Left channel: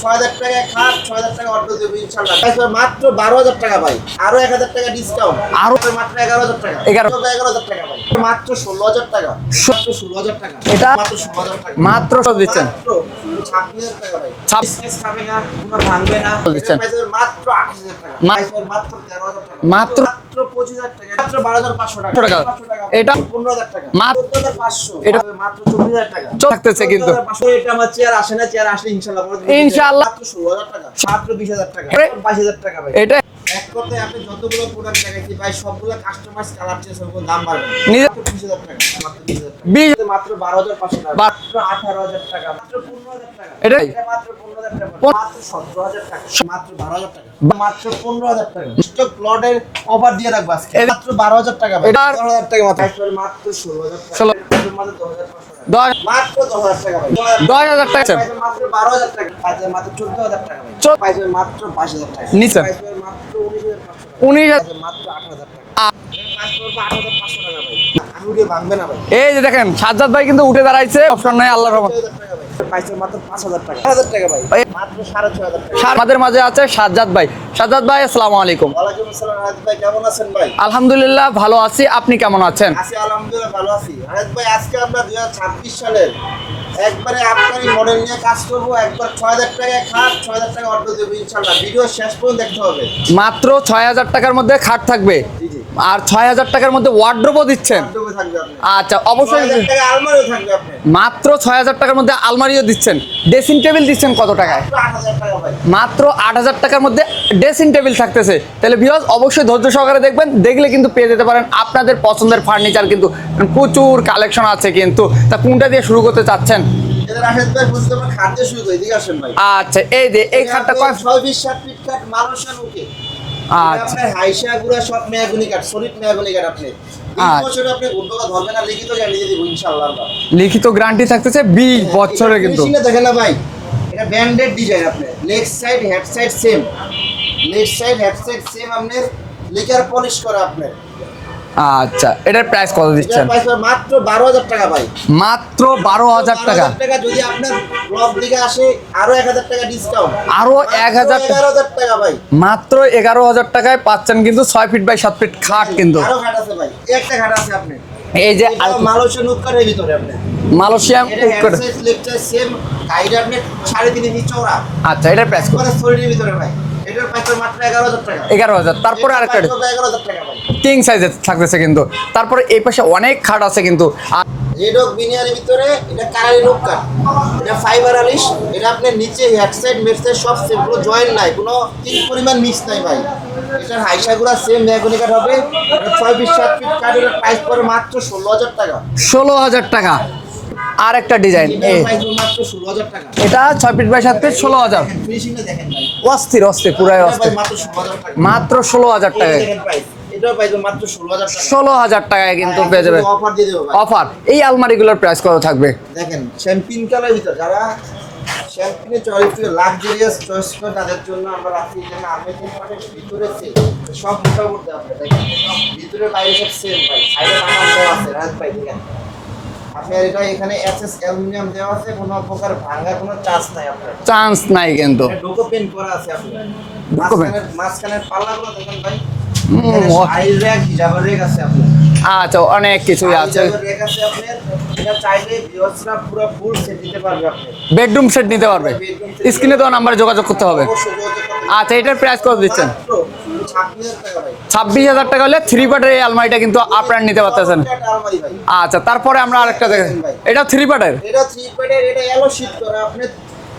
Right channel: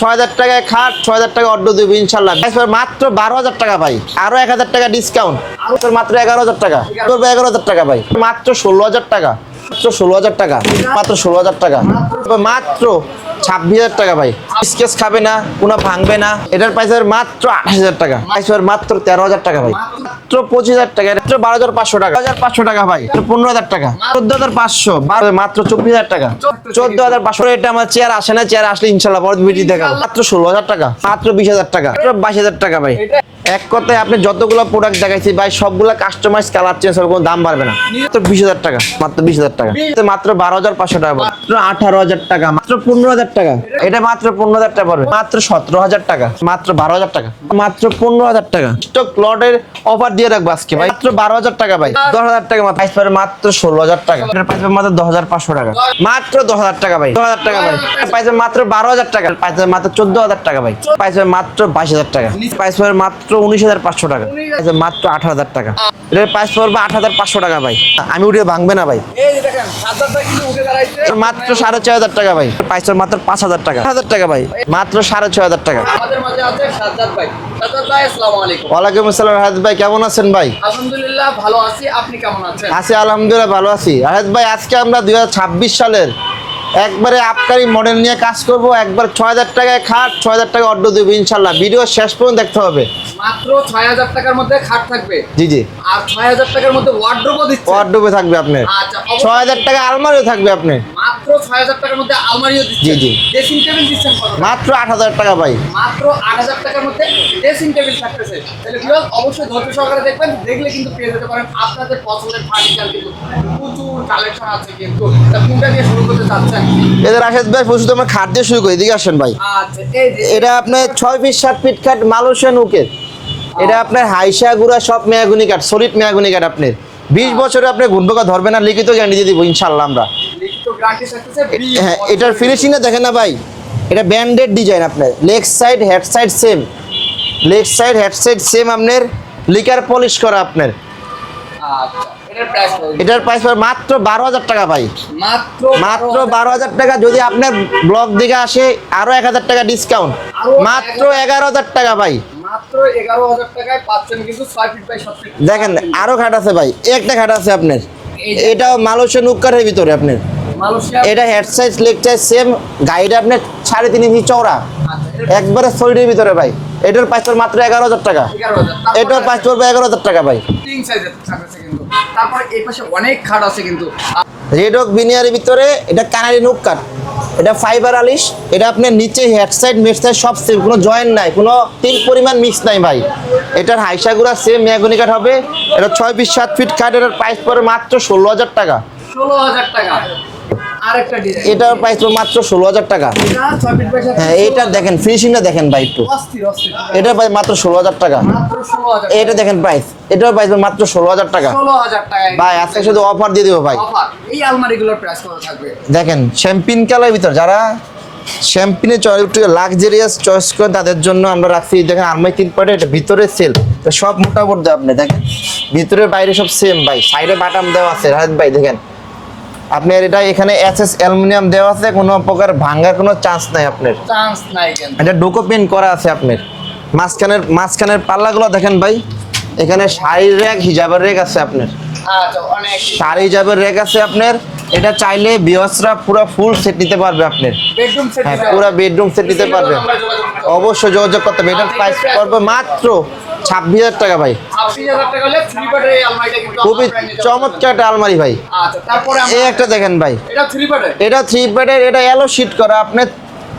ছয় হাজার টাকায় খাট ছয় হাজার টাকা অর্ডার দেবো ইনশাল্লাহ মাত্র বারো হাজার টাকা ভাই। আরও এক হাজার টাকা ডিসকাউন্ট আরও মাত্র এগারো হাজার টাকা। এগারো। এগারো হাজার টাকা ভাই। মাত্র ষোলো হাজার টাকা। মাত্র ষোলো হাজার টাকা মাত্র ষোলো হাজার টাকা। মাত্র মাত্র ছাব্বিশ হাজার টাকা ভাই। ছাব- স্কেচ খাবে না কোনো ভাঙবে না। এটার প্রাইস মাত্র আঠাশ হাজার টাকা। মাত্র তেরো হাজার টাকা মাত্র- মাত্র পঁচিশ হাজার টাকা মাত্র বারো হাজার পাঁচশো টাকা। পাঁচশো টাকা ভাই। এটা- পনেরো হাজার টাকা। চোদ্দ হাজার পাঁচশো। মাত্র চব্বিশ হাজার টাকা। চোদ্দ। হাজার পাঁচশো এটা আমার চেয়ার আসে না চেয়ার আসলে ইনশাল্লাহ। মাত্র ষোলো হাজার টাকা। মাত্র বিশ হাজার টাকা। বাইশ হাজার টাকা ভাই। এটা এক কথায় আপনি যতগুলো প্রোডাক্ট দেখাইছি ভাই সবগুলো কাস্টমাইজ কালার চেঞ্জ হবে কোনো দাম বাড়বে না। মাত্র বিশ হাজার টাকা মাত্র বিশ হাজার টাকা। মাত্র বারো হাজার পাঁচশো টাকা মাত্র আঠারো হাজার টাকা মাত্র পনেরো হাজার টাকা। এটা- এটা মাত্র পনেরো হাজার টাকা পড়বে। মাত্র সতেরো হাজার টাকা। মাত্র বারো হাজার টাকা। মাত্র পনেরো হাজার টাকা। স্টক লটের অফার দিয়ে রাখব আজকে মাত্র বারো হাজার টাকা ভাই। দশ হাজার টাকা মাত্র। মাত্র ষোলো হাজার টাকা। মাত্র দশ হাজার পাঁচশো টাকা। মাত্র দশ হাজার টাকা ভাই। দশ হাজার টাকা। পাইছে মাত্র বারো হাজার টাকা। পাইছে মাত্র চোদ্দ হাজার টাকা ভাই। পাইছে মাত্র বাইশ হাজার টাকা। পড়বে মাত্র উনিশ হাজার পাঁচশো টাকা। উনিশ মাত্র আঠারো হাজার টাকা। এটার প্রাইস পড়বে আট হাজার পাঁচশো টাকা ভাই। আমি উঠে ভাঙবে না ভাই। এই যে দেখেন সাজ্জাদ ভাই কিন্তু উঠে দাঁড়াইছে। মাত্র সাড়ে ছয় হাজার টাকা ভাই। প্রাইস মাত্র পাঁচ হাজার টাকা। হাজার টাকা ভাই। মাত্র সাড়ে ছয় হাজার টাকা। আমাদের মাঝে আছে সাজ্জাদ ভাই। সাজ্জাদ ভাই আসসালামু আলাইকুম। ওয়ালাইকুম আসসালাম রাহাত ভাই কেমন আছেন ভাই? আলহামদুলিল্লাহ ভালো আছি। আপনি কেমন আছেন? আছি আলহামদুলিল্লাহ ভালো আছি। রাহাত ভাই আজকে আমরা দুই সালের একবারে আপকারি মডেল নিয়ে কাজ করব একবার ছয় হাজার টাকায় খাট ছয় হাজার টাকা অর্ডার দেবো ইনশাল্লাহ। ভিডিও শেষ পর্যন্ত দেখতে হবে। মাত্র ছয় হাজার টাকার মধ্যে খাট থাকবে? জি জি। আর ছয় হাজার টাকার মধ্যে ওয়ার্ড্রোবও দিচ্ছে ওয়ার্ডরোবে থাকবে আপনার। আচ্ছা ছয় হাজার টাকা আলমারিও থাকবে আপনি মাত্র ছয় হাজার টাকার মধ্যে আলমারিও দিচ্ছেন? জি, জি। ড্রেসিং টেবিল দিচ্ছেন কত টাকা মাত্র আট হাজার টাকা ভাই। মাত্র আট হাজার টাকার মধ্যে ড্রেসিং টেবিল থাকতেছে। তাহলে ভিউয়ার্স অবশ্যই ধৈর্য সহকারে দেখবেন দেখলে কিন্তু পেয়ে যেতে পারেন। আপনাদের পছন্দের ফার্নিচার কিন্তু প্রচুর কালেকশন আছে কিন্তু। তা কোনটা দিয়ে শুরু করতে চাচ্ছেন? এদের রাকেশ ভাই প্রস্তুত আমরা খাট দিয়ে শুরু করি এদিকে আসেন ভাই। আচ্ছা এই যে এটা আপনার ছয় ফিট সাত ফিট খাট মালয়েশিয়ান উকের এটা আচ্ছা। আপনার হাইসা গুড়া সব মেয়াগুনি কাঠ সলিড মেয়াগুনি কাঠ আপনার বিশ আচ্ছা। বছরে আপনি ঘুরবোকা ধরবে না লিখিত গ্যারান্টি দিয়ে দিব ইনশাল্লাহ আমরা। লিখিত গ্যারান্টি থাকতেছে বিশ এটার ফিনিশিং কিন্তু। দেখেন না ভাই। এটা ব্যান্ডেড ডিজাইন আপনার। Leg side head side same leg side head side same আপনার। লিকার পলিশ করা আপনার। আচ্ছা এটার প্রাইস কত এটার প্রাইস মাত্র বারো হাজার টাকা ভাই। মাত্র মাত্র বারো হাজার বারো টাকা হাজার টাকা যদি আপনার ব্লগ দেখে আসে আরও এক হাজার টাকা ডিসকাউন্ট আরও মাত্র 1000 এগারো হাজার টাকা ভাই। মাত্র এগারো হাজার টাকায় পাচ্ছেন কিন্তু ছয় ফিট বাই সাত ফিট খাট দেখেন আরও ঘাট আছে ভাই একটা ঘাট আছে আপনার। এই যে এটা মালয়েশিয়ান উক্কারের ভিতরে আপনার। মালয়েশিয়া এটা head size leg size same গাড়িটা আপনার সাড়ে তিন ইঞ্চি চওড়া। আচ্ছা এটা একবারে সলিডের ভিতরে ভাই। এটার প্রাইস পড়বে মাত্র এগারো হাজার টাকা। এগারো হাজার। তারপরে প্রাইস পড়বে এগারো হাজার টাকা ভাই। কিং সাইজে থাকতেছে কিন্তু। তারপরে এই পাশে অনেক খাট আছে কিন্তু। আর রেড ওক বিনিয়ারের ভিতরে এটা কানারি নুক কাট এটা ফাইবার আলিশ। এটা আপনার নিচে হেড সাইড মেড সাইড সব সেম কোনো জয়েন্ট নাই কোনো তিন পরিমাণ মিক্স নাই ভাই। এটার হাইসাগুলা সেম মেয়াগুনি কাঠ হবে। এটা ছয় বিশ সাত ফিট কাঠ এটার প্রাইস পড়বে মাত্র ষোলো হাজার টাকা। ষোলো হাজার টাকা। আর একটা ডিজাইন এটার প্রাইস মাত্র ষোলো হাজার টাকা। এটা ছয় ফিট বাই সাত হ্যাঁ, ফিট ষোলো এটা হাজার। দেখেন ফিনিশিংটা দেখেন ভাই একটু। অস্থির অস্থির পুরো এটা মাত্র ষোলো হাজার টাকা। মাত্র ষোলো হাজার এটা দেখেন প্রাইস এটার প্রাইস মাত্র ষোলো হাজার টাকা। ষোলো হাজার টাকায় ভাই কিন্তু শুধু অফার দিয়ে দেবো ভাই। অফার এই আলমারিগুলোর প্রাইস কত থাকবে? দেখেন শ্যাম্পিন কালার ভিতর যারা শ্যাম্পিনে চয়েস একটু লাক্সারিয়াস চয়েস করে তাদের জন্য আমরা রাখছি। দেখেন আলমারি তিন পাটে এটা ভিতরে সেল সব মোটামুটি আপনি দেখেন। ভিতরে বাইরে সব সেম ভাই। সাইডে বাটাম দেওয়া আছে রাজ ভাই দেখেন। আপনার এটা এখানে এসএস অ্যালুমিনিয়াম দেওয়া আছে কোনো প্রকার ভাঙার কোনো চান্স নাই আপনার। চান্স নাই কিন্তু। এটা ডোকো পেন করা আছে আপনার। মাঝখানের মাঝখানের পাল্লাগুলো দেখেন ভাই। এখানে শাড়ির র্যাক হিজাবের র্যাক আছে আপনার। আচ্ছা অনেক কিছু হিজাবের র্যাক আছে আপনার। এটা চাইলে বিয়সরা পুরো ফুল সেট নিতে পারবে আপনার। বেডরুম সেট নিতে পুরো হবে বেডরুম সেট নিতে স্ক্রিনে পারবে। নাম্বার যোগাযোগ করতে হবে। অবশ্যই যোগাযোগ করতে হবে। আচ্ছা, এটা প্রাইস price কত মাত্র ছাব্বিশ হাজার টাকা ভাই। ছাব্বিশ হাজার টাকা হলে থ্রি পার্টের এই আলমারিটা কিন্তু আপনারা নিতে পারতেছেন। চমৎকার একটা আলমারি ভাই। আচ্ছা তারপরে আমরা একটা দেখেন ভাই। এটা থ্রি পার্টের এটা থ্রি বেডের এটা এলো শীট করা। আপনার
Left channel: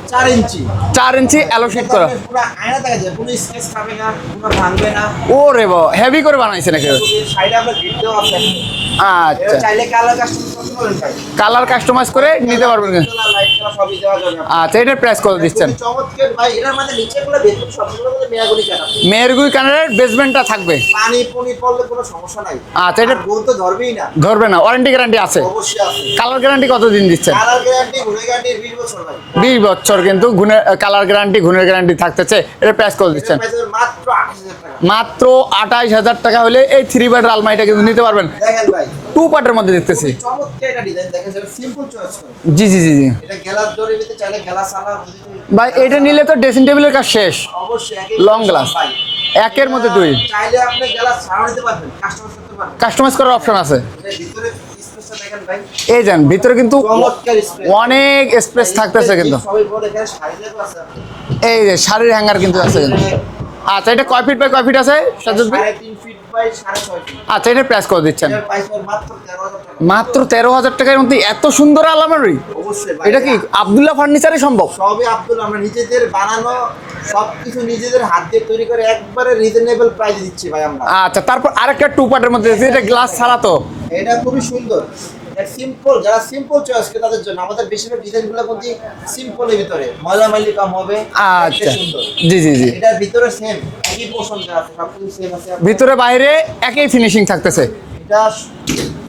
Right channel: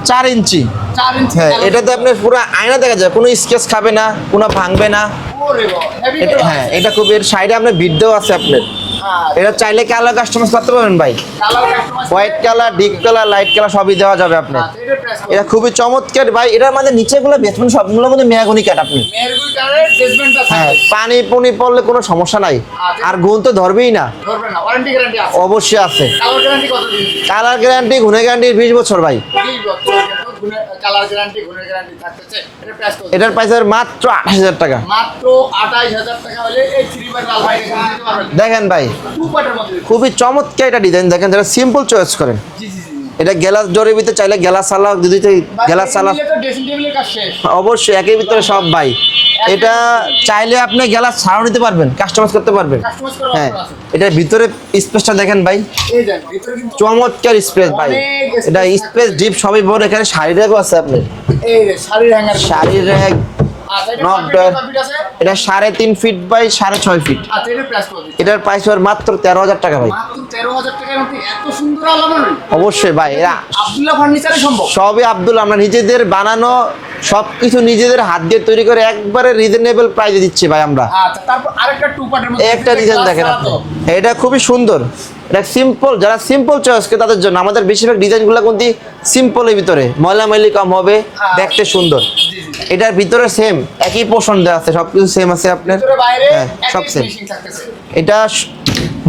চার ইঞ্চি। চার ইঞ্চি এটা তো এটাতে আপনার পুরো আয়না দেখা যায় কোনো স্কেচ খাবে না কোনো ভাঙবে না। ও রে হেভি করে হ্যাঁ, বানাইছেন এটা। খুব এর সাইডে আপনার ভিডিও আছে আপনার। এটা আচ্ছা চাইলে কালার কাস্টমাইজ করতে পারবেন ভাই। কালার কাস্টমাইজ করে ডিপ কালার লাইট কালার সবই দেওয়া যাবে আপনার। আচ্ছা এটার প্রাইস করে এটা খুবই চমৎকার। ভাই এটার মধ্যে নিচেগুলো বেসমেন্ট সবগুলো কাট আপনি। মেরগুই কালারের বেসমেন্টটা থাকবে। হ্যাঁ, পানি পুনি পড়লে কোনো সমস্যা নাই। আচ্ছা, এটা- গুল তো ধরবেই না। ধরবে না ওয়ারেন্টি গ্যারান্টি আছে। অবশ্যই আছে। কালার গ্যারান্টি কতদিন দিচ্ছে কালার গ্যারান্টি গুনে গ্যারান্টি বিশ বছর ভাই। বিশ বছর কিন্তু গুণের কালার গ্যারান্টি গুণের গ্যারান্টি থাকতেছে। এটার প্রাইস কত এটার? প্রাইস মাত্র আঠাশ হাজার টাকা। মাত্র আঠাইশ হাজার টাকা হলে এই থ্রি বেড আলমারিটা কিন্তু নিতে পারবেন। দেখেন ভাই টু পার্টের মধ্যে দেখতেছি খুবই চমৎকার একটা ডিজাইন দেখেন যারা সিম্পল চয়েস করেন। জি জি জি এটা গ্যালাস জোরে ভিতরে চাইলে গ্যালাস সালা যদি ভাই গ্যালাস সালা নিলে তো ড্রেসিং টেবিলের কাজ শেষ। অবশ্যই একই ভিতরে সব ভাই। একের এটা মধ্যে দুই। চাইলে আপনি গ্যালাস ছাড়াও নিতে পারবেন কাস্টমাইজ করতে পারবেন। কাস্টমাইজ করার অপশন হ্যাঁ, আছে। এটার ভিতরে স্পেসটা দেখেন ভাই। এই যান ভিতরে কিন্তু চমৎকার স্পেস অনেক space থাকতেছে কিন্তু। সবই বড় এখানে শাড়ি রেখো আছে আপনি এই যে শাড়ির হ্যাঙ্গার কিন্তু আছে। আচ্ছা এটা কয় ফিট বাই কয় ফিট আছে? এটা সাড়ে তিন ফিট বাই সাড়ে ছয় ফিট আচ্ছা এটা প্রেস করে দিচ্ছেন? এটার প্রাইস মাত্র তেরো হাজার টাকা মাত্র তেরো হাজার টাকার মধ্যে এত সুন্দর আলমারি অবশ্যই ভাই এটা কি আব্দুল্লাহ ফার্নিচারে সম্ভব? সবই আব্দুল আমরা নিজেদের বানানো সবকিছু নিজেদের হাত দিয়ে তৈরি করে একবারে রিজনেবল প্রাইসে দিচ্ছি ভাই আমরা। আচ্ছা তারপর আরেকটা টু পার্টের মধ্যে একটা গ্লাস ছাড়া তো। এটা খুবই সুন্দর। এটা সিম্পল যারা সিম্পল চয়েস কে তাদের জন্য আমাদের বেশিরভাগ ডিজাইনগুলো কিন্তু সিম্পলের ভিতরে। ময়লামালি কম হবে দেখতে আচ্ছা। সুন্দর। জি জি জি। এটার ভিতরে সেম একই পোর্শন দেওয়া আছে সবকিছু সেম আছে ভিতরে বাইরে হ্যাঁ, একই ফিনিশিং থাকতেছে। এটা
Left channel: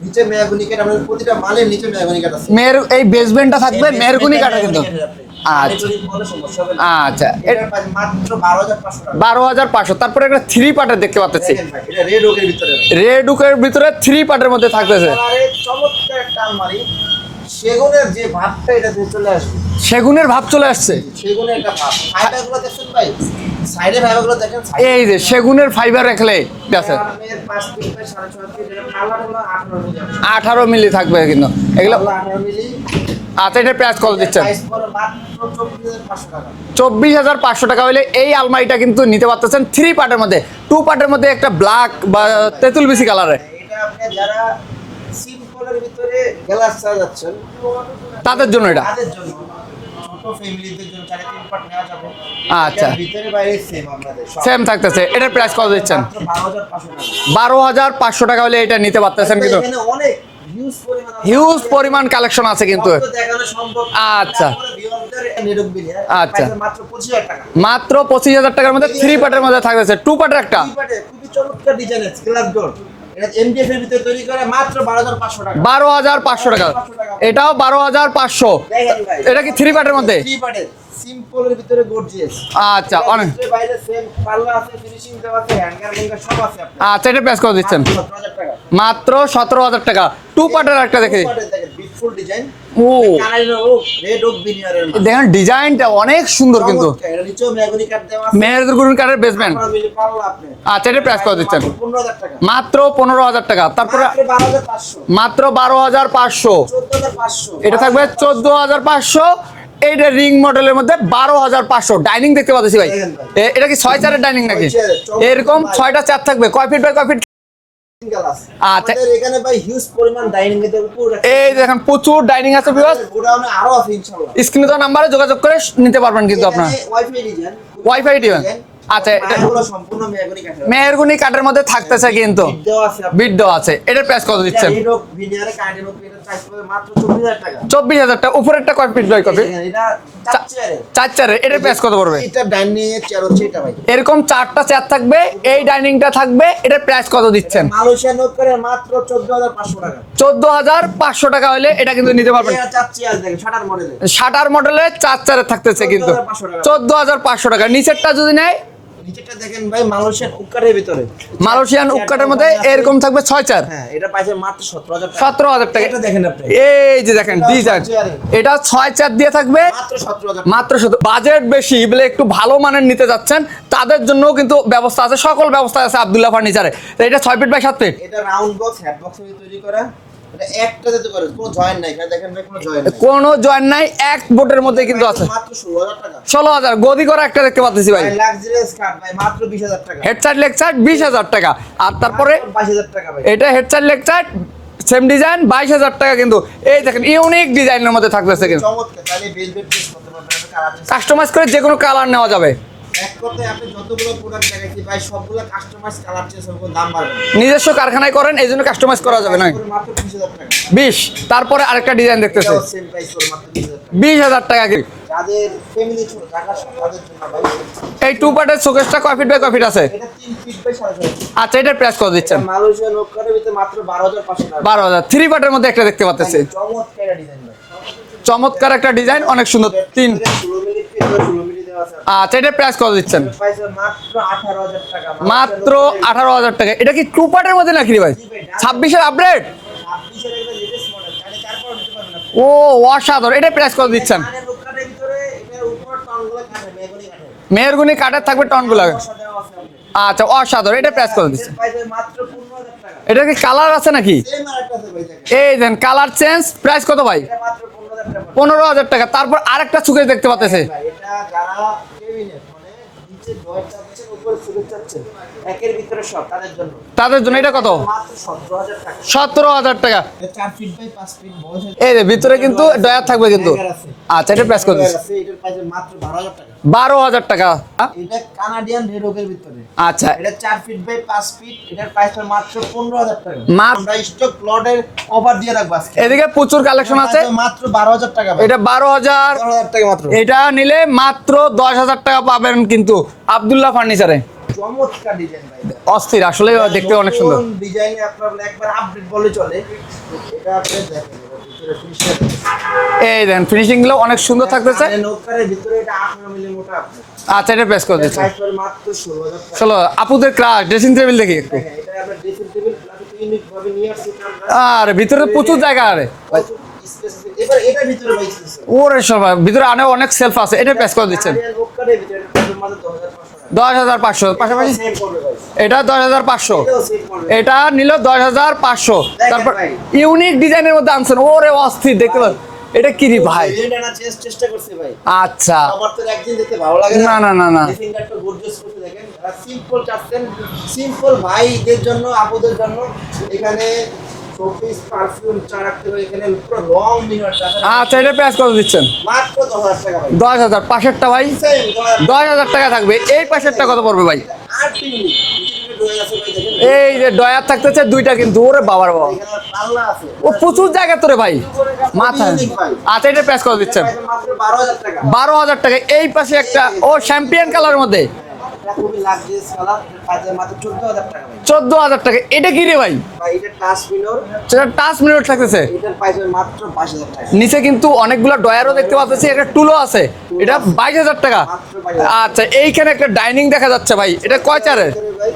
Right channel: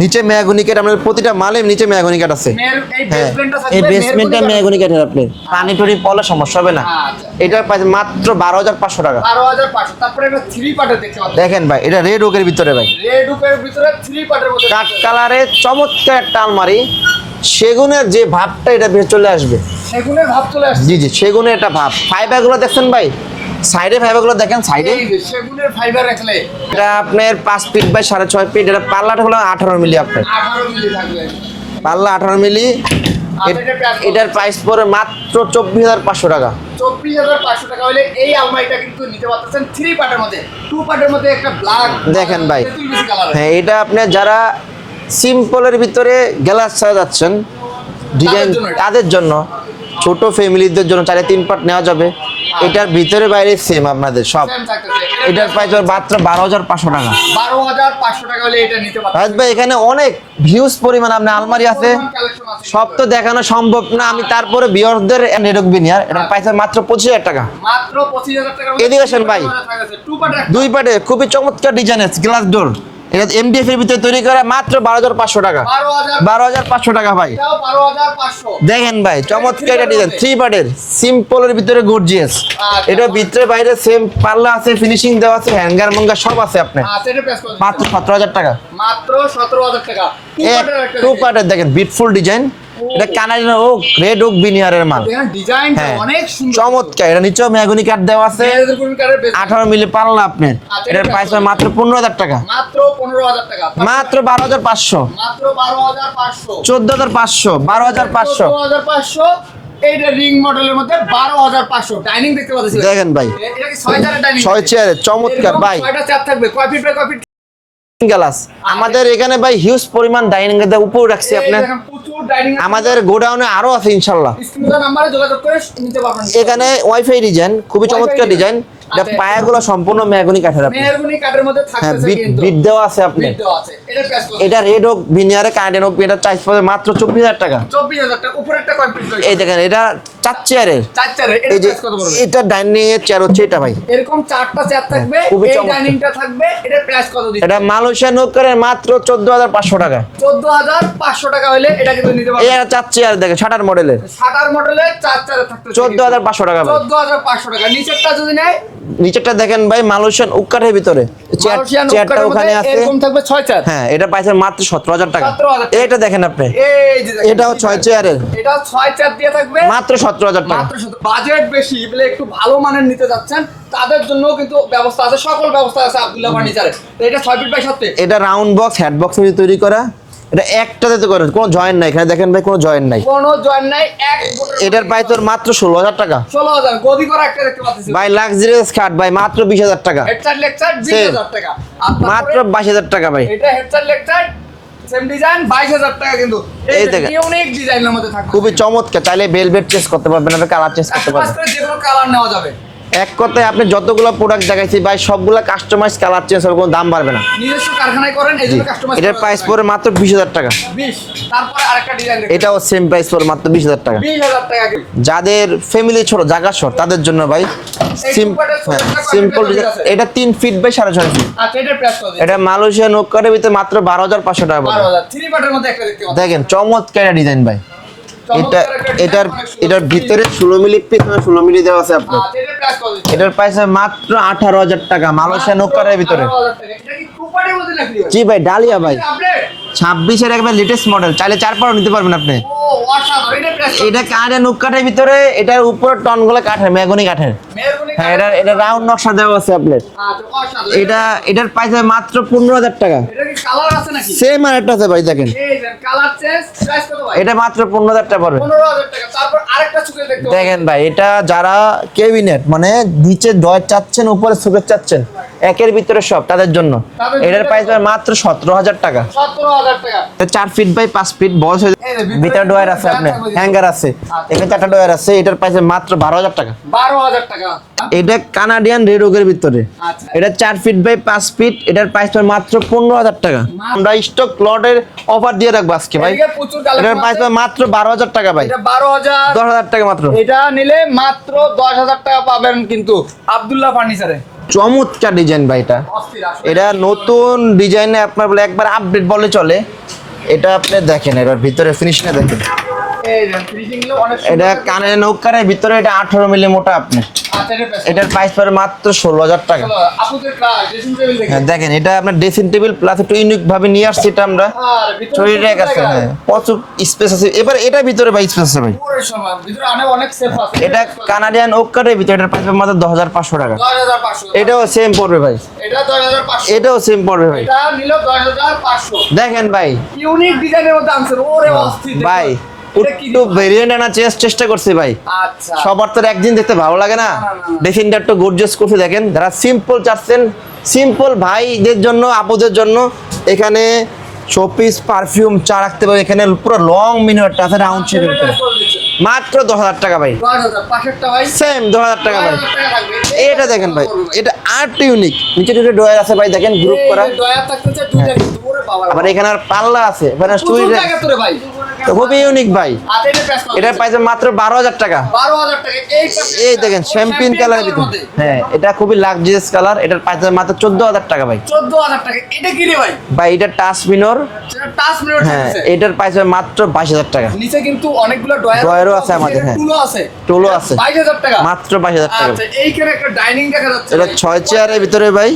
নিচে মেয়াগুনিকের আমাদের প্রতিটা মালের নিচে মেয়াগুনিকাট আছে। মেয়ের এই বেসমেন্টটা হ্যাঁ। থাকবে বেসমেন্টটা মেয়াগুনিকাটের আপনি। পানি আচ্ছা। টরি পলে সমস্যা হবে না। আচ্ছা। প্রাইস মাত্র বারো হাজার পাঁচশো টাকা। বারো হাজার পাঁচশো। তারপরে একটা থ্রি পার্টের দেখতে পাচ্ছি। দেখেন ভাই এটা রেড ওকের ভিতরে ভাই। রেড উকের ভিতরে থ্রি পার্টের মধ্যে থাকতেছে। কালারে চমৎকার একটা আলমারি। সেগুনের যে ভাবটা এটা চলে আসবে। সেগুনের ভাব চলে আসছে। জি জি সেগুনের একটা ভাব। ফাইবারগুলো দেখছেন ভাই? সাইডে ফাইবারগুলো দেখেন সাইডে। এই যে সেগুনের ফাইবার রাখলে এটা আপনার পাঁচ ফিট বাই সাড়ে ছয় ফিট এটা পাল্লাটা হলো আঠারো মিলি আপনার। আঠারো মিলি থাকবে কিন্তু। পাল্লা আঠারো মিলি। আচ্ছা, এটা দিচ্ছেন? প্রাইস পড়ে মাত্র টাকা। হলে এই আলমারিটা কিন্তু নিতে পারতেছেন থ্রি পার্টের মধ্যে। পার্টের মধ্যে একটা ব্ল্যাক দেখেন ভাই। তেঁতুল বেশি কালারে হ্যাঁ এটা আপনি যারা সিম্পলের ভিতরে গ্লাস ডিজাইন জন্য? তাদের জন্য। ছোট ফ্যামিলিদের জন্য চারে তিন পার্ট নেওয়া যাবে। আচ্ছা। এটার ভিতরে বাইরে সেম আপনাদের সব। সেম থাকতেছে। এটা এটা প্রাইস কত মাত্র? বারো হাজার পাঁচশো টাকা। বারো হাজার পাঁচশো টাকা হলে এটা নিতে পারতেছেন এখানে অনেক ভিউজ পরিমাণ হিউজ আলমারি আছে। পরিমাণ কালেকশন আছে কিন্তু। সব তো দেখানো সম্ভব না। আমি আচ্ছা। তারপরে বিয়রদের নেটক বিনিয়ার এটা আচ্ছা। মাত্র পঁচিশ হাজার টাকা। মাত্র পঁচিশ হাজার টাকার মধ্যে থ্রি পার্টের মধ্যে থাকতেছে। টু পার্টের একটা। দুই পাটে খুবই চমৎকার ডিজাইন আছে। গ্লাস ডোর এটা এমডিএফ এর ভিতরে তৈরি করা মাত্র বারো হাজার পাঁচশো টাকা। বারো হাজার পাঁচশো 12,500 টাকা ভাই। এটাও বারো হাজার পাঁচশো। দেখেন ভাই এর থ্রি পার্টের সিম্পলের ভিতরে গর্জিয়াস আচ্ছা, এটা ভিতরে বাইরে সেম পাল্লা আছে ফিনিশিং দেওয়া আছে হ্যাঙ্গার মঙ্গা সব আছে আপনার। আচ্ছা এটা প্রেস করে দিচ্ছেন। মাত্র সতেরো হাজার টাকা। মাত্র সতেরো হাজার টাকা। টু পার্টের একটা টু পার্টের দেখেন বিটফুল ডিজাইন রেড ওক বিনিয়ারের মাল। দেখেন ডিজাইনটা হ্যাঁ। অনেক সুন্দর চমৎকার এটা নিচেও মেহগুনি কাঠ দেওয়া আছে। মেয়েদের গুরুন বেসমেন্ট আঠারো মিলি পাল্লা আপনার। আচ্ছা, এটা মাত্র টাকা। টাকা। এটা রিং মডেলের মধ্যে বারো হাজার পাঁচশো। ডাইনিং দেখতে পাচ্ছি ভাই। দেখেন ভাই। এটা কি ছয় চারের ডাইনিং ছয় এরকম ছয়টা চেয়ার থাকবে। কয় ফিট বাই কয় ফিট গ্লাস। আমাদের এখানে ভাই হিউজ পরিমাণ ডাইনিং এর উপর রাখছি আপনি দেখেন প্রচুর ডাইনিং আছে আমাদের গোডাউনে আরও আছে ইনশাল্লাহ। স্ক্রিনে দেওয়া নাম্বারে যোগাযোগ করে নিতে পারবেন কিন্তু এখানে ওয়াইফাই ডিজাইন খুবই চমৎকার ডিজাইন পায়াগুলো সম্পূর্ণ মেহগনি কাঠের আপনার। কাঠের মধ্যে থাকতেছে হ্যাঁ, কিন্তু। বিট দেওয়া আছে বিট দেওয়া আছে। এটার প্রাইস কত এটা রেড হোক ভিনিয়ারে কানেক্টেড হোক এটা চাইজ পড়ে মাত্র চব্বিশ হাজার টাকা। চব্বিশ হাজার টাকা। উপরেরটা কয় ফিট এই দেখেন এটা চার চেয়ারের চার চারের এটার প্রাইস কত পড়বে এটা ডাইনিং এর চেয়ার হচ্ছে এটা ভাই। এরকম চারটা চেয়ার থাকবে এই ডাইনিংটা থাকবে এটার প্রাইস কত এটা দিচ্ছেন মালয়েশিয়া মাত্র চোদ্দ হাজার পাঁচশো টাকা। চোদ্দ হাজার পাঁচশো টাকা হলে এটা কিন্তু নিতে পারবেন। এটা চার চেয়ার দেখেন শাটার মডেলের শাটার মডেলে চার থাকতেছে 14,500 টাকা ভাই। চোদ্দ হাজার পাঁচশো টাকা। নিচেরটা যদি নেয় নিচেরটা দেখেন ভাই মালয়েশিয়ান উকারের ভিতরে। মালয়েশিয়ান মধ্যে এরকম থাকবে চার হ্যাঁ এটা পাইছে মাত্র সতেরো হাজার টাকা। 17,000 টাকা। এটা দেখেন আপনি। এই যে দেখেন। ছয় চেয়ারের। এটা চার দিয়ে থাকবে। মাত্র টাকা। মাত্র বাজেট বেশি বলে একটু ভালো মানের নিতে যাচ্ছেন। তাদের জন্য কিন্তু ব্যবস্থা আছে সকল ব্যবস্থা আছে আব্দুল্লাহ ফার্নিচারে। এটা ছয় ফিট বাই সাত ফিট। এটা রাউন্ড বক্স হেড বক্স তৈরি করা। এটা একটাতে তো করে কোনো জয়েন্ট নাই এখানে দেখেন ভাই কোনো জয়েন্ট নাই। কোনো জয়েন নাই এক বোটের মধ্যে মাত্র ষোলো হাজার টাকা। ষোলো হাজার গদি করা একটা দেখতে পাচ্ছি ভাই। ভাই লাক্সারিয়াস খাট ভাই মাত্র বিশ হাজার টাকা। হেড সাইড লেগ সাইড হাজার টাকা। আর তারপরে মাত্র বাইশ হাজার টাকা ভাই। এটা head side leg same design বাইশ হাজার টাকা কিন্তু। এই। ইউনিক ডিজাইনের মধ্যে থাকতেছে খুবই চমৎকার চাইলে বেলভেট চেস করতে পারবেন আপনি কালার চেস কাস্টমাইজ করে যে কোনো কালার নেওয়া যাবে। এক কথায় আপনি যতগুলো প্রোডাক্ট দেখাইছি ভাই সবগুলো কাস্টমাইজ কালার চেঞ্জ হবে কোনো দাম বাড়বে না। নিজস্ব কারখানায় করেন এই জন্য কাস্টমাইজ করা যাবে না। পড়ে মাত্র বিশ হাজার টাকা। বিশ তারপরে আরেকটা ডিজাইন দেখতে এটাও সেম প্রাইস পড়ে মাত্র বিশ হাজার টাকা। বিশ হাজার টাকা যাদের ফ্যামিলি ছোট জায়গা শর্ট তাদের জন্য ভাই এই feet by simple কয় feet design। আছে? এটা তিন ফিট বাই সাড়ে ছয় ফিট আচ্ছা এটার প্রাইস কত এটা দিচ্ছেন? মালয়েশিয়া নোকারের ভিতরে মাত্র বারো হাজার পাঁচশো টাকা বারো পড়বে। হাজার। থ্রি পার্টের মধ্যে একটা দেখতে পাচ্ছেন দেখেন চমৎকার ডিজাইন ভাই। চমৎকার একটা ডিজাইন অনেক সুন্দর। এটার ভিতরে ষোলো মিলি ভিতরে ষোলো মিলি দেওয়া আছে আপনার। আচ্ছা এটা প্রাইস কত দিচ্ছেন? এটার প্রাইস মাত্র আঠারো হাজার টাকা মালয়েশিয়া মাত্র ভিতরে। আঠারো হাজার টাকা। এটা কি টু পার্টের মধ্যে নাকি ভাই? জি ভাই, ডালিয়া ভাই। ছাব্বিশের আপডেট ছাব্বিশের একবার লেটেস্ট মডেল চাইলে চার পারও নিতে পারবেন আপনি। ও অসাধারণ। এটা প্রেস করে এটা দিচ্ছেন। কাঠের নুক কাঠের ভিতরে এটার উপরে টনগুলো কাঠের মেগুনি কাঠের। কাটা এটা- থাকবে এটা টনগুলো নকশা দেওয়া আছে আপনার। আচ্ছা অসাধারণ। এটা এটা প্রেস করে এটার প্রাইস মাত্র পনেরো হাজার টাকা। এটা কি কালার আছে নাকি? সেম আর একটা আছে ভাই দেখেন। এই দেন কালার চেঞ্জ প্রাইস কত ভাই? এটা মাত্র পনেরো হাজার টাকা পড়বে। পনেরো হাজার টাকা। তারপর আরেকটা সুকেশ দেখতে পাচ্ছেন। ভাই এটা যারা কেবিনেট মানে নিচে ডয় চাচ্ছেন উপরে সুকেট চাচ্ছেন একের ভিতরে সব তাদের জন্য। তাদের জন্য এটা কত? মাত্র সতেরো হাজার টাকা। সতেরো হাজার টাকা। এটা চার ফিট বাই পাঁচ ফিট বয়স হয়ে এই যে ভিতরে কিন্তু ডয়ার থাকবে কিন্তু। হ্যাঙ্গার আছে। আচ্ছা, এটা price কত আছে এটার প্রাইস মাত্র বারো হাজার টাকা। বারো হাজার টাকা। এটা কানাডিয়ান রেডোগের ভিতরে। আচ্ছা। এটা চার ফিট বাই পাঁচ ফিট এটার প্রাইস মাত্র পনেরো হাজার টাকা। আমরা স্টক লটের অফার দিয়ে রাখব আজকে ভাই। এদিকে প্রচুর কালেকশন আছে। মাত্র বারো হাজার টাকা ভাই। এটা বারো হাজার দশ হাজার টাকা মাত্র। এটা নিলে মাত্র দশ হাজার টাকা পাবেন কিন্তু আব্দুল্লাহ ফার্নিচারে। চমৎকার ডিজাইন ভাই এটা। অস্থির আসলে দেখতে অনেক সুন্দর। নতুন ডিজাইনে আপনার বলে একবার আপডেট বলে চলে। এটা আপনি দেখেন এবার ভিতরে ফিনিশটা দেখেন। এই দেখেন ফিনিশিংগুলো অনেক সুন্দর এটা থাকতেছে। কানের নৌকারের ভিতরে এটা আঠারো মিলি মোটা আপনি। আচ্ছা এটা প্রেস করে এটার দিচ্ছি। প্রাইস পড়ে মাত্র ষোলো হাজার টাকা। চলো আপুদের ক্লাস ড্রেসিং টেবিল দেখি। হ্যাঁ, দেখেন এটা আপনার ড্রেসিং টেবিল প্লাস একটু ইউনিক ভাবে নিয়ে আসছি এটা আমরা। আর ভিতরে প্রচুর জায়গা আছে, হ্যাঁ, প্রচুর স্পেস আছে। এবার এটার ভিতরে ভাই স্পেস আছে ভাই। ওরে সবাই ভিতরে অনেক অনেক সেলফ আছে। এটা এটা প্রেস করে দিচ্ছেন? কানাডিয়ান ওক ভিতরে এটার প্রাইস মাত্র দশ হাজার পাঁচশো টাকা। দশ হাজার পাঁচশো। এটাও সেম পড়বে ভাই। এটা দশ হাজার পাঁচশো। এটাও সেম পড়বে এটা নিল দশ হাজার পাঁচশো। দেখেন ভাই। ইউনিক ডিজাইনের মধ্যে আনছেন। ওরে অস্থির দেখো ভাই। এটা কি ভেরিয়েন্ট চেষ্টা করছি ভাই। আচ্ছা। সবার তো একদিন দেখতে ভালো লাগে না। না, না, না। তো গর্জিয়াস দেখেন। যারা সিম্পল চাচ্ছেন সিম্পল ভাইদের জন্য আপুদের জন্য এখানে শোপিস পারফিউম চা রাখতে পারবে এখানে পুরো লং মিনিট আছে আচ্ছা এটা প্রেস করে দিচ্ছেন? মাত্র দশ হাজার টাকা ভাই। দশ হাজার পাশেরটা ভাই? সেম দশ হাজার টাকা দশ হাজার টাকা থাকবে। এই পাশেরটা কত পড়বে ভাই? এটা আর্ট ইউনিক নিচে নিচে ডয়ার আছে ভাই দেখেন গ্রুপ করা। ডয়ার থাকতেছে দুইটা কিন্তু ওরে বাবার আবার এখানে আর পাল্লা আছে। এখানে প্রচুর জায়গা তোরে ভাই। খুবই। ইউনিক ভাই। আচ্ছা এটা প্রেস করে এটা মাত্র বারো হাজার টাকা। বারো হাজার টাকা। এই পাশে একটা দেখেন শ্যাম্পিন কালার মধ্যে। হ্যাঁ এটা খুবই লাক্সারিয়াস কালার এটার পাইছে মাত্র চোদ্দ হাজার টাকা ভাই। চোদ্দ হাজার টাকা। এটা কি রে ভাই? ভাই এটা টাচ মিনর সেটা টাচ মিনিট থাকতেছে। এটার প্রাইস হয় মাত্র বাইশ হাজার টাকা। নিচে কিন্তু অনেকগুলো দেখতে পাচ্ছি এটা হ্যাঁ। টুলও আছে। টুলও আছে। 22000 টাকা। মাত্র 22,000 টাকা। আচ্ছা এইখানে একটা ডাইনিং দেখা যাচ্ছে ভাই এটা এটা কয় ভিতরে ভাই?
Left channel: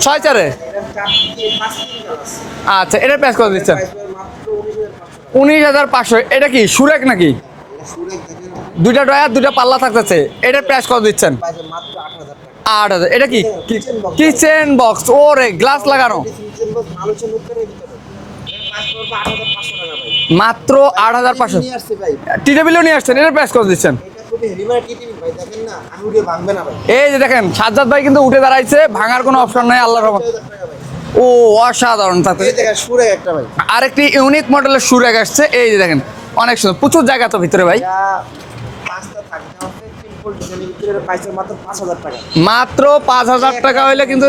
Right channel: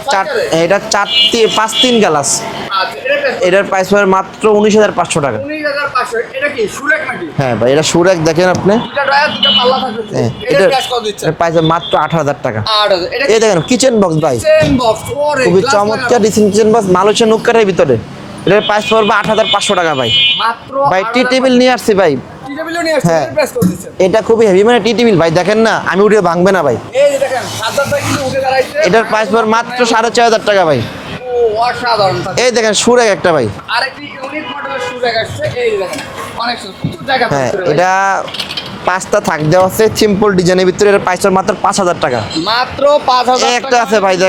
ছয় চার- এটা চারটি পাঁচ তিন গ্লাস আচ্ছা এটা প্রেস এটার প্রাইস হয় মাত্র উনিশ হাজার পাঁচশো টাকা। উনিশ হাজার পাঁচশো এটা কি সুরেক নাকি? হ্যাঁ ভাই এটা সুরেক দেখেন আপনি। দুইটা দুইটা পাল্লা থাকতেছে। এটা প্রেস করে দিচ্ছেন? প্রাইস মাত্র আট হাজার টাকা। আট হাজার এটা কি? দেখেন কিচেন বক্স কিচেন বক্স ওরে খুবই গ্লাস লাগানো। কিচেন বক্স মালয়েশিয়া নুক্কারের ভিতরে। এটার প্রাইস পড়বে আট হাজার পাঁচশো টাকা ভাই। মাত্র টি টেবিল নিয়ে আসছি ভাই। টি টেবিলও নিয়ে আসছেন হ্যাঁ। এটা প্রেস করে দিচ্ছেন? এটা খুবই হেভি মানে টি টেবিল ভাই দেখেন না আমি উঠে ভাঙবে না ভাই। এই যে দেখেন সাজ্জাদ ভাই কিন্তু উঠে দাঁড়াইছে এটার প্রাইস মাত্র সাড়ে চার হাজার টাকা ভাই। ও অসাধারণ এই দেখেন সুরেক একটা ভাই। আরেকটি ইউনিক মডেলের সুরেক আসছে এই যে দেখেন অনেক সুন্দর প্রচুর জায়গা তো ভিতরে ভাই। এটা পাঁচটা থাক দেওয়া আছে সিম্পল ডিজাইনের ভিতরে এর প্রাইস মাত্র পাঁচ হাজার টাকা। মাত্র পাঁচ হাজার টাকা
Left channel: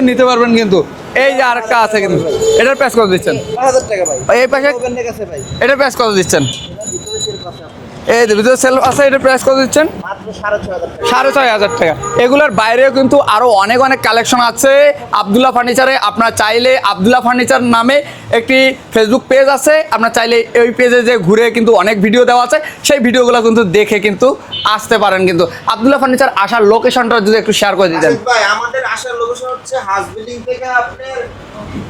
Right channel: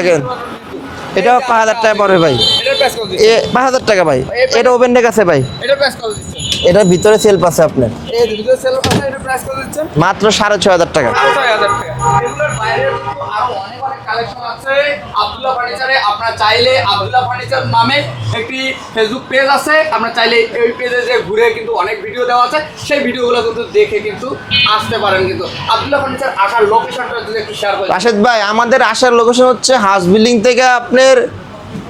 নিতে পারবেন কিন্তু। এই টাকা পড়বে। ভাই। এটা প্রেস করে এ দিচ্ছেন? পাঁচ হাজার টাকা ভাই। এটা ওপেন ডেক আছে ভাই। এটা প্রেস করে দিচ্ছেন? এটার ভিতরে সেলফ আছে আপনার। এই ভিতরে সেল আছে এটা প্রেস করে দিচ্ছেন? মাত্র সাড়ে ছয় হাজার টাকা। সাড়ে ছয় হাজার টাকা। এগুলোর বাইরেও কিন্তু আরও অনেক অনেক কালেকশন আছে। আবদুল্লাহ ফার্নিচারে আপনারা চাইলে আবদুল্লাহ ফার্নিচার নামে একটি ফেসবুক পেজ আছে। আপনারা চাইলে ওই পেজে যে ঘুরে কিন্তু অনেক ভিডিও দেওয়া আছে। সেই ভিডিওগুলো কিন্তু দেখে কিন্তু আসতে পারেন কিন্তু। আবদুল্লাহ ফার্নিচার আসার লোকেশনটা যদি একটু শেয়ার করে ভাই আমাদের আসার লোকেশন হচ্ছে হাউস বিল্ডিং থেকে আপনার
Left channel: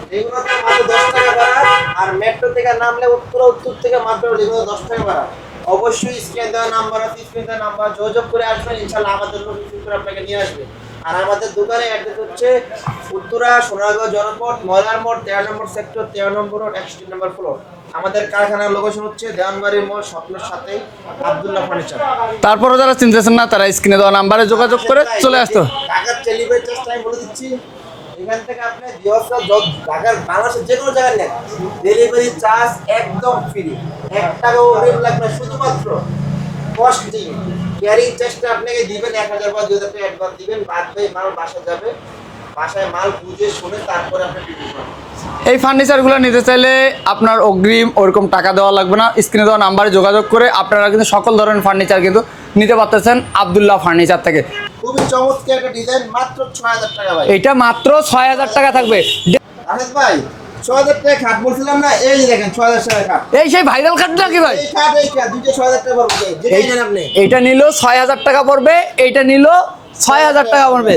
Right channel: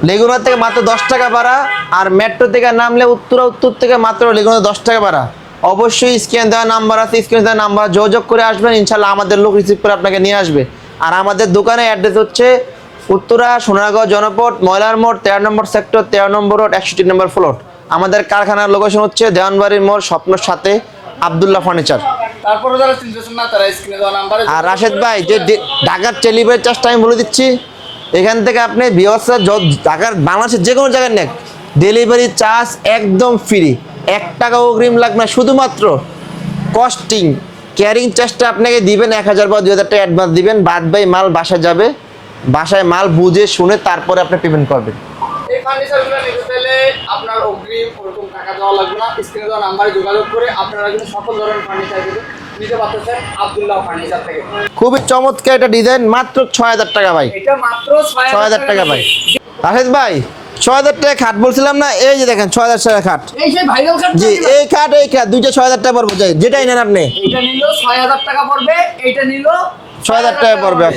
লেগুনা থেকে মাত্র দশ টাকা ভাড়া আর মেট্রো থেকে নামলে উত্তর উত্তর থেকে মাত্র লেগুনা দশ টাকা ভাড়া। অবশ্যই স্ক্যান দেওয়া নাম্বার আছে স্ক্যান দেওয়া নাম্বার যোগাযোগ করে আসবেন ইনশাল্লাহ আমাদের লোক রিসিভ করে আপনাকে নিয়ে আসবে। আর আমাদের দোকানের অ্যাড্রেস হচ্ছে উত্তরা সোনারগাঁও জনপথ ময়লার মোড় তেরো নম্বর সেক্টর তেরো নম্বর রোড একষট্টি নম্বর ফ্লোর আমাদের কারখানার লোকেশন হচ্ছে দেওয়ানবাড়ির মোড় স্বপ্নর সাথে আবদুল্লাহ ফার্নিচার তারপরও যারা চিনতেছেন না তারা স্ক্রিনে দেওয়া নাম্বারে যোগাযোগ করে ঢাকার চেলিবের চাষটা আমি বলে দিচ্ছি। এখান থেকে আপনি বিহসা ঢাকার, বাংলাদেশের যে কোনো জায়গায় নেন ডেলিভারি চার্জ একদম ফ্রি এক টাকা অগ্রিম লাগবে না। শুধুমাত্র কস্টিং ক্যারিং চার্জটা আপনাকে দিবেন এক হাজার বা দুই হাজার টাকা অ্যাডভান্স দিবেন। বাদ বাই মাল বাসা যাবে। বাসায় মাল বুঝে শুনে তারপরে আপনি পেমেন্ট করবেন। এই ফার্নিচারগুলো নিতে চাইলে আপনার অগ্রিম ওরকম টাকা দেওয়া লাগবে না। স্ক্রিনে দেওয়া নাম্বারে যোগাযোগ করে আপনারা কিন্তু সকল ধরনের ফার্নিচার কিন্তু নিতে পারতেছেন আবদুল্লাহ ফার্নিচার থেকে। খুবই চমৎকার একটা ডিজাইন মাত্র ছয় হাজার টাকা ভাই। এটা মাত্র ছয় হাজার টাকা থাকবে ভাই। রাশেদ ভাই ছয় হাজার টাকা খাট বলছিলাম না? এই যে দেখেন ছয় হাজার টাকা খাট। এই সেই ভাইরাল ভাই? এই খাট এই খাট দুইটা ছয় হাজার টাকা পড়ব। যেটাই নেন আপনি। এটা নিল ছয় হাজার টাকা পড়বে এইটা নিল ছয় হাজার টাকা পড়বে।